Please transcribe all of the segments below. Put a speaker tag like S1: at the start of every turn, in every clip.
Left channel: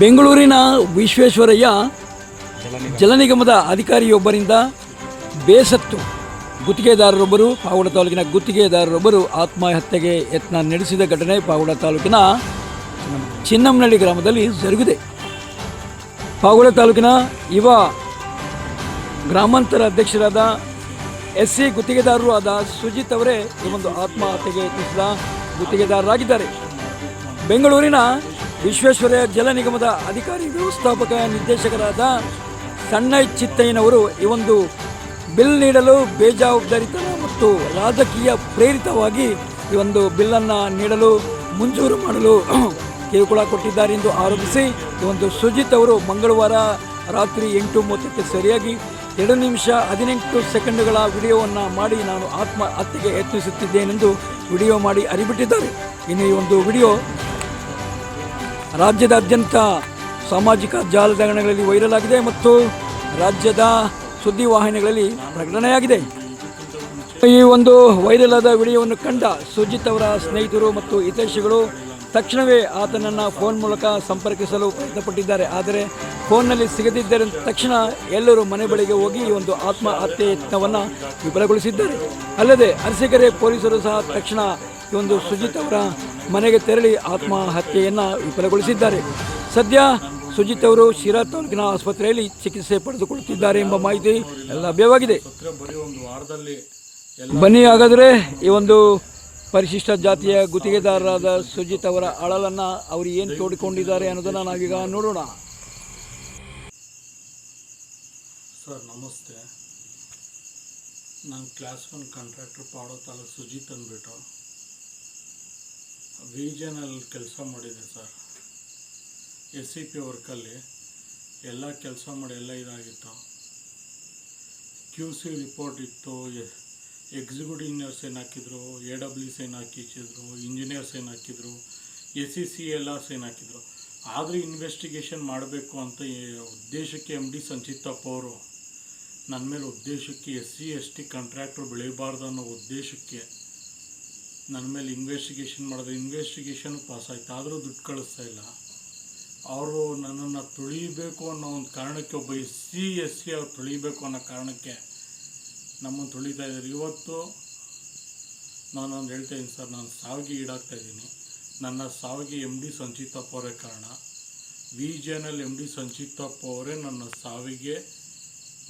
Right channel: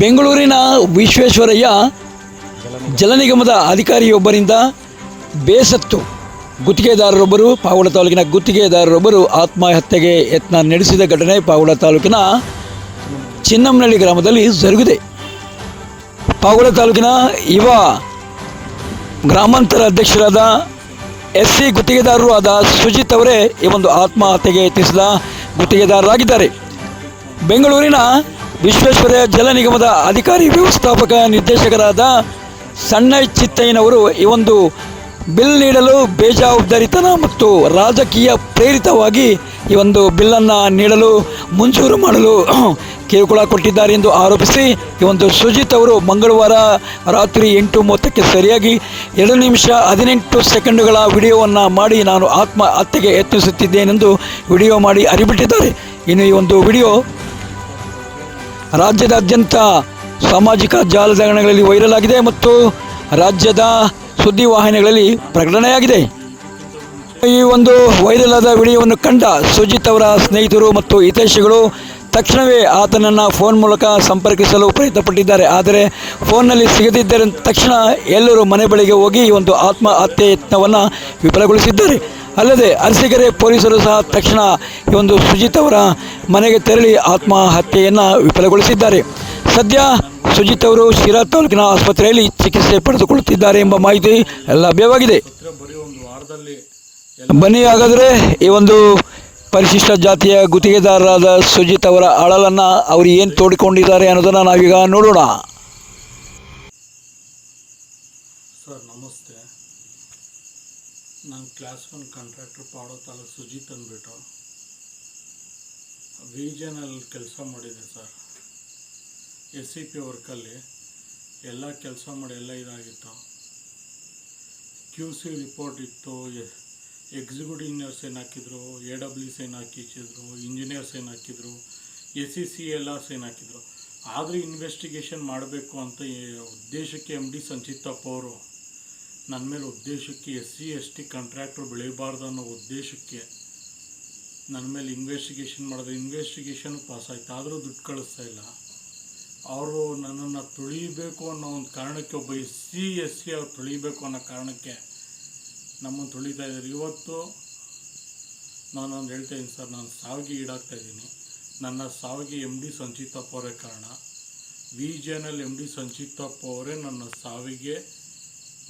S1: ಬೆಂಗಳೂರಿನ ವಿಶ್ವೇಶ್ವರಯ್ಯ ಜಲ ನಿಗಮದ ಅಧಿಕಾರಿಯೊಬ್ಬರಿಂದ ಬೇಸತ್ತು. ಗುತ್ತಿಗೆದಾರರೊಬ್ಬರು ಪಾವಡ ತಾಲೂಕಿನ ಗುತ್ತಿಗೆದಾರರೊಬ್ಬರು ಆತ್ಮಹತ್ಯೆಗೆ ಯತ್ನ ನಡೆಸಿದ ಘಟನೆ ಪಾವಡ ತಾಲೂಕಿನ ಚಿನ್ನಮ್ಮನಳ್ಳಿ ಗ್ರಾಮದಲ್ಲಿ ಜರುಗಿದೆ. ಪಾವಡ ತಾಲೂಕಿನ ಯುವ ಗ್ರಾಮಾಂತರ ಅಧ್ಯಕ್ಷರಾದ ಎಸ್ ಸಿ ಗುತ್ತಿಗೆದಾರರು ಆದ ಸುಜಿತ್ ಅವರೇ ಈ ಒಂದು ಆತ್ಮಹತ್ಯೆಗೆ ಯತ್ನಿಸಿದ ಗುತ್ತಿಗೆದಾರರಾಗಿದ್ದಾರೆ. ಬೆಂಗಳೂರಿನ ವಿಶ್ವೇಶ್ವರಯ್ಯ ಜಲ ನಿಗಮದ ಅಧಿಕಾರಿ ವ್ಯವಸ್ಥಾಪಕ ನಿರ್ದೇಶಕರಾದ ಸಣ್ಣ ಚಿತ್ತಯ್ಯನವರು ಈ ಒಂದು ಬಿಲ್ ನೀಡಲು ಬೇಜವಾಬ್ದಾರಿತನ ಮತ್ತು ರಾಜಕೀಯ ಪ್ರೇರಿತವಾಗಿ ಈ ಒಂದು ಬಿಲ್ಲನ್ನು ನೀಡಲು ಮಂಜೂರು ಮಾಡಲು ಕಿರುಕುಳ ಕೊಟ್ಟಿದ್ದಾರೆ ಎಂದು ಆರೋಪಿಸಿ ಈ ಒಂದು ಸುಜಿತ್ ಅವರು ಮಂಗಳವಾರ ರಾತ್ರಿ ಎಂಟು ಮೂವತ್ತಕ್ಕೆ ಸರಿಯಾಗಿ ಎರಡು ನಿಮಿಷ ಹದಿನೆಂಟು ಸೆಕೆಂಡುಗಳ ವಿಡಿಯೋವನ್ನು ಮಾಡಿ ನಾನು ಆತ್ಮಹತ್ಯೆಗೆ ಯತ್ನಿಸುತ್ತಿದ್ದೇನೆಂದು ವಿಡಿಯೋ ಮಾಡಿ ಅರಿಬಿಟ್ಟಿದ್ದಾರೆ. ಇನ್ನು ಈ ಒಂದು ವಿಡಿಯೋ ರಾಜ್ಯದಾದ್ಯಂತ ಸಾಮಾಜಿಕ ಜಾಲತಾಣಗಳಲ್ಲಿ ವೈರಲ್ ಆಗಿದೆ ಮತ್ತು ರಾಜ್ಯದ ಸುದ್ದಿ ವಾಹಿನಿಗಳಲ್ಲಿ ಪ್ರಕಟಣೆಯಾಗಿದೆ. ಈ ಒಂದು ವೈರಲ್ ಆದ ವಿಡಿಯೋವನ್ನು ಕಂಡ ಸುಜಿತ್ ಅವರ ಸ್ನೇಹಿತರು ಮತ್ತು ಹಿತೈಷಿಗಳು ತಕ್ಷಣವೇ ಆತನನ್ನು ಫೋನ್ ಮೂಲಕ ಸಂಪರ್ಕಿಸಲು ಪ್ರಯತ್ನಪಟ್ಟಿದ್ದಾರೆ. ಆದರೆ ಫೋನ್ನಲ್ಲಿ ಸಿಗದಿದ್ದರೆ ತಕ್ಷಣ ಎಲ್ಲರೂ ಮನೆ ಬಳಿಗೆ ಹೋಗಿ ಒಂದು ಆತ್ಮಹತ್ಯೆ ಯತ್ನವನ್ನು ವಿಫಲಗೊಳಿಸಿದ್ದಾರೆ. ಅಲ್ಲದೆ ಅರಸೀಕೆರೆ ಪೊಲೀಸರು ಸಹ ತಕ್ಷಣ ಈ ಒಂದು ಸುಜಿತ್ ಅವರ ಮನೆಗೆ ತೆರಳಿ ಆತ್ಮಹತ್ಯೆಯನ್ನು ವಿಫಲಗೊಳಿಸಿದ್ದಾರೆ. ಸದ್ಯ ಸುಜಿತ್ ಅವರು ಶಿರಾ ತಾಲೂಕಿನ ಆಸ್ಪತ್ರೆಯಲ್ಲಿ ಚಿಕಿತ್ಸೆ ಪಡೆದುಕೊಳ್ಳುತ್ತಿದ್ದಾರೆ ಎಂಬ ಮಾಹಿತಿ ಲಭ್ಯವಾಗಿದೆ. ಬನ್ನಿ ಹಾಗಾದರೆ ಈ ಒಂದು ಪರಿಶಿಷ್ಟ ಜಾತಿಯ ಗುತ್ತಿಗೆದಾರರಾದ ಸುಜಿತ್ ಅವರ ಅಳಲನ್ನು ಅವರು ಏನು ತೋಡಿಕೊಂಡಿದ್ದಾರೆ ಅನ್ನೋದನ್ನು ನಾವೀಗ ನೋಡೋಣ.
S2: ಸರ್, ನಮಸ್ತೆ. ನಾನು ಕ್ಲಾಸ್ ಒನ್ ಕಾಂಟ್ರಾಕ್ಟರ್ ಪಾಡೋ ತಾಲೂಕು ಸುಜಿತ್ ಅಂದ್ಬಿಟ್ಟು. ವಿಜನಲ್ಲಿ ಕೆಲಸ ಮಾಡಿದೆ ಸರ್. ಎಸ್ ಸಿ ಪಿ ವರ್ಕಲ್ಲಿ ಎಲ್ಲ ಕೆಲಸ ಮಾಡಿ ಎಲ್ಲ ಇದಾಗಿತ್ತು. ಕ್ಯೂ ಸಿ ರಿಪೋರ್ಟ್ ಇತ್ತು ಎಕ್ಸಿಕ್ಯೂಟಿವ್ ಇಂಜಿನಿಯರ್ಸ್ ಏನು ಹಾಕಿದ್ರು, ಎ ಡಬ್ಲ್ಯೂಸ್ ಏನು ಹಾಕಿಸಿದ್ರು ಇಂಜಿನಿಯರ್ಸ್ ಏನು ಹಾಕಿದ್ರು, ಎಸ್ ಸಿ ಸಿ ಎಲ್ಲ ಏನು ಹಾಕಿದ್ರು. ಆದರೆ ಇನ್ವೆಸ್ಟಿಗೇಷನ್ ಮಾಡಬೇಕು ಅಂತ ಉದ್ದೇಶಕ್ಕೆ ಎಂ ಡಿ ಸಂಚಿತಪ್ಪ ಅವರು ನನ್ನ ಮೇಲೆ ಉದ್ದೇಶಕ್ಕೆ ಎಸ್ ಸಿ, ಎಸ್ ಟಿ ಕಾಂಟ್ರಾಕ್ಟ್ರು ಬೆಳೀಬಾರ್ದು ಅನ್ನೋ ಉದ್ದೇಶಕ್ಕೆ ನನ್ನ ಮೇಲೆ ಇನ್ವೆಸ್ಟಿಗೇಷನ್ ಮಾಡಿದ್ರು ಇನ್ವೆಸ್ಟಿಗೇಷನ್ ಪಾಸ್ ಆಯ್ತು. ಆದರೂ ದುಡ್ಡು ಕಳಿಸ್ತಾ ಇಲ್ಲ. ಅವರು ನನ್ನನ್ನು ತುಳಿಬೇಕು ಅನ್ನೋ ಒಂದು ಕಾರಣಕ್ಕೆ ಒಬ್ಬ ಎಸ್ ಸಿ ಎಸ್ ಸಿ ಅವ್ರು ತುಳಿಬೇಕು ಅನ್ನೋ ಕಾರಣಕ್ಕೆ ನಮ್ಮನ್ನು ತುಳಿತಾ ಇದ್ದಾರೆ. ಇವತ್ತು ನಾನೊಂದು ಹೇಳ್ತಾ ಇದ್ದೀನಿ ಸರ್, ನಾನು ಸಾವಿಗೆ ಈಡಾಗ್ತಾ ಇದ್ದೀನಿ. ನನ್ನ ಸಾವಿಗೆ ಎಂ ಡಿ ಸಂಚಿತಪ್ಪ ಅವರೇ ಕಾರಣ. ವಿ ಜೆನಲ್ಲಿ ಎಂ ಡಿ ಸಂಚಿತಪ್ಪ ಅವರೇ ನನ್ನ ಸಾವಿಗೆ,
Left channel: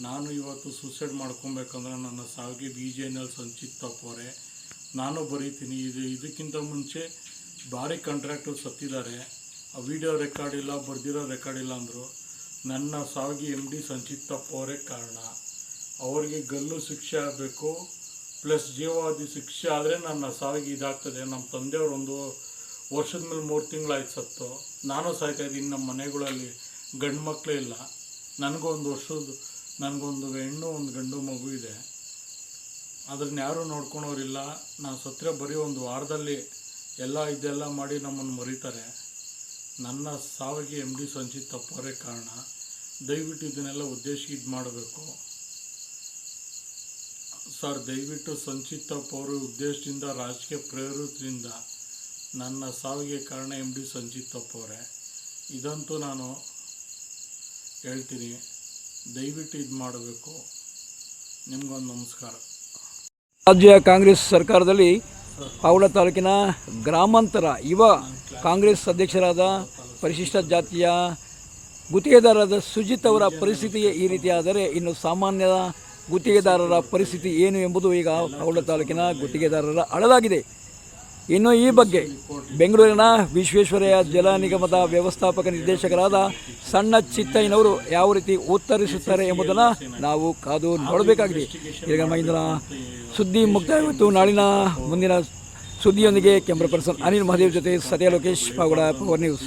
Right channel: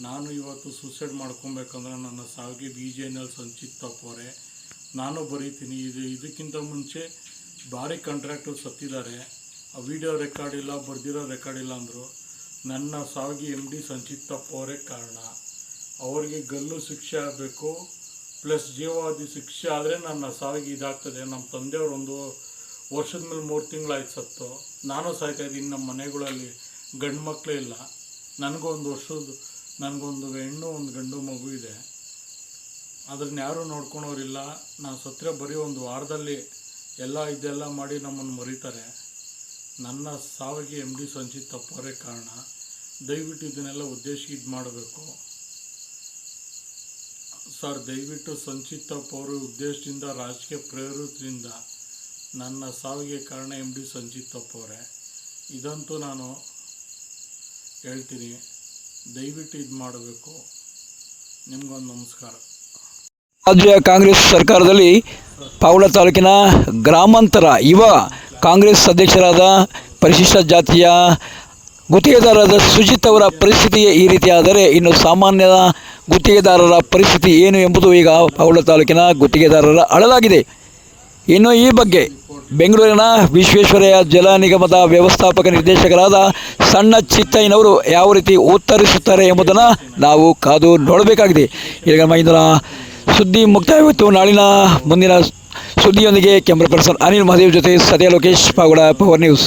S2: ನಾನು ಇವತ್ತು ಸೂಸೈಡ್ ಮಾಡ್ಕೊಬೇಕಂದ್ರೆ ನನ್ನ ಸಾವಿಗೆ ವಿ ಎಲ್ ಸಂಚಿತಪ್ಪ ಅವರೇ. ನಾನು ಬರೀತೀನಿ. ಇದು ಇದಕ್ಕಿಂತ ಮುಂಚೆ ಭಾರಿ ಕಾಂಟ್ರಾಕ್ಟರ್ ಸತ್ತಿದ್ದಾರೆ. ಆ ವಿಡಿಯೋ ರೆಕಾರ್ಡ್ ಇಲ್ಲ, ಬರೆದಿರೋ ರೆಕಾರ್ಡ್ ಇಲ್ಲ ಅಂದರು. ನನ್ನ ಸಾವಿಗೆ ಎಂ ಡಿ ಸಂಚಿತಪ್ಪ ಅವರೇ ಕಾರಣ. ಅವರಿಗೆ ಗಲ್ಲು ಶಿಕ್ಷೆ ಆಗಬೇಕು. ಪ್ಲಸ್ ಜೀವಾವಧಿ ಶಿಕ್ಷೆ ಆದರೆ ನನ್ನ ಸಾವಿಗೆ ಇದಾಗ್ತದೆ. ನಮ್ಮ ತಂದೆಯವರು ಒಂದು ವರ್ಷದ ಮೇಲೆ ಮೂರು ತಿಂಗಳಾಯ್ತು ಸತ್ತು. ನಾನು ಸಾಯ್ತಾ ಇದ್ದೀನಿ ನಮ್ಮ ಮನೆಗಳಲ್ಲಿ. ಗಂಡು ಮಕ್ಕಳೇ ಇಲ್ಲ. ನನಗೊಂದು ವರ್ಷದ, ನನಗೊಂದು ಹೆಣ್ಣು, ಒಂದು ಗಂಡು ಮಗು ಇದೆ. ಅದನ್ನ ಯಾರೂ ನೋಡ್ಕೊಳೋರಿಲ್ಲ. ನಾನು ಸತ್ತರೆ ಬರೀ ಒಂದು ವಾರದಲ್ಲಿ ಎಲ್ಲ ಇದೆಲ್ಲ ಮಾಡಿ ನಮ್ಮನ್ನು ಮರೀತಾರೆ. ನನ್ನ ಸಾವಿಗೆ ಎಂ ಡಿ ಸಂಚಿತ್ ತಪ್ಪೋರೇ ಕಾರಣ. ದಯವಿಟ್ಟು ಇದನ್ನೆಲ್ಲ ಉದ್ದೇಶ ಇದು ಮಾಡಬೇಕು. ಸರ್, ದಯವಿಟ್ಟು ಸಂಚಿತ್ ಅವರು ಉದ್ದೇಶದಿಂದ, ರಾಜಕೀಯ ಪ್ರೇರಿತದಿಂದ ನನ್ನ ಸಾವಿಗೆ ಕಾರಣ ಎಂ ಡಿ ಸಂಚಿತ್ ಅವರೇ. ಇದಂತೂ ನಾನು ಹೇಳ್ತೀನಿ. ದಯವಿಟ್ಟು ಇದು ಮಾಡಬೇಕು. ನಿಮಗೊಂದು ನಮಸ್ಕಾರ.
S1: ರಾಜ್ಯ ಕಾಂಗ್ರೆಸ್ ಸರ್ಕಾರದಲ್ಲಿ ಪಾವಳ ತಾಲೂಕಿನ ಗ್ರಾಮಾಂತರ ಯುವ ಕಾಂಗ್ರೆಸ್ ಅಧ್ಯಕ್ಷರಾದ ಪರಿಶಿಷ್ಟ ಜಾತಿಯ ಗುತ್ತಿಗೆದಾರರಾದ ಸುಜಿತ್ ಅವರ ಪರಿಸ್ಥಿತಿ ಈ ರೀತಿಯಾದರೆ ಇನ್ನು ಸಾಮಾನ್ಯ ಗುತ್ತಿಗೆದಾರರ ಪರಿಸ್ಥಿತಿ ಏನು ಎಂಬುದು ಈಗ ಪಾವಳ ತಾಲೂಕಿನ ಗುತ್ತಿಗೆದಾರರ ಅಳಲಾಗಿದೆ. ಇನ್ನು ಈ ಬಗ್ಗೆ ಬೆಂಗಳೂರಿನ ವಿಶ್ವೇಶ್ವರಯ್ಯ ಜಲ ನಿಗಮದ ವ್ಯವಸ್ಥಾಪಕ ನಿರ್ದೇಶಕರಾದ ಸಣ್ಣ ಚಿತ್ತಯ್ಯನವರು ಯಾವ ರೀತಿ ಉತ್ತರಿಸುತ್ತಾರೆ ಎಂಬುದನ್ನು ನಾವು ಕಾದು ನೋಡಬೇಕಾಗಿದೆ. ಈಗ ಮೈಂದ್ರ ಸುದ್ದಿ ಮುಕ್ತಾಯವಾಯಿತು. ನಾಳಿನ ಮುಂದಿನ ಸುದ್ದಿಯೊಂದಿಗೆ ಕ್ಯಾಮ್ರಾ ಪರ್ಸನ್ ಅನಿಲ್ ಮಹದೇವ್ ಜೊತೆ ಸದ್ಯ ಲೋಕೇಶ್ ಪಾವಡ ಪವರ್ ನ್ಯೂಸ್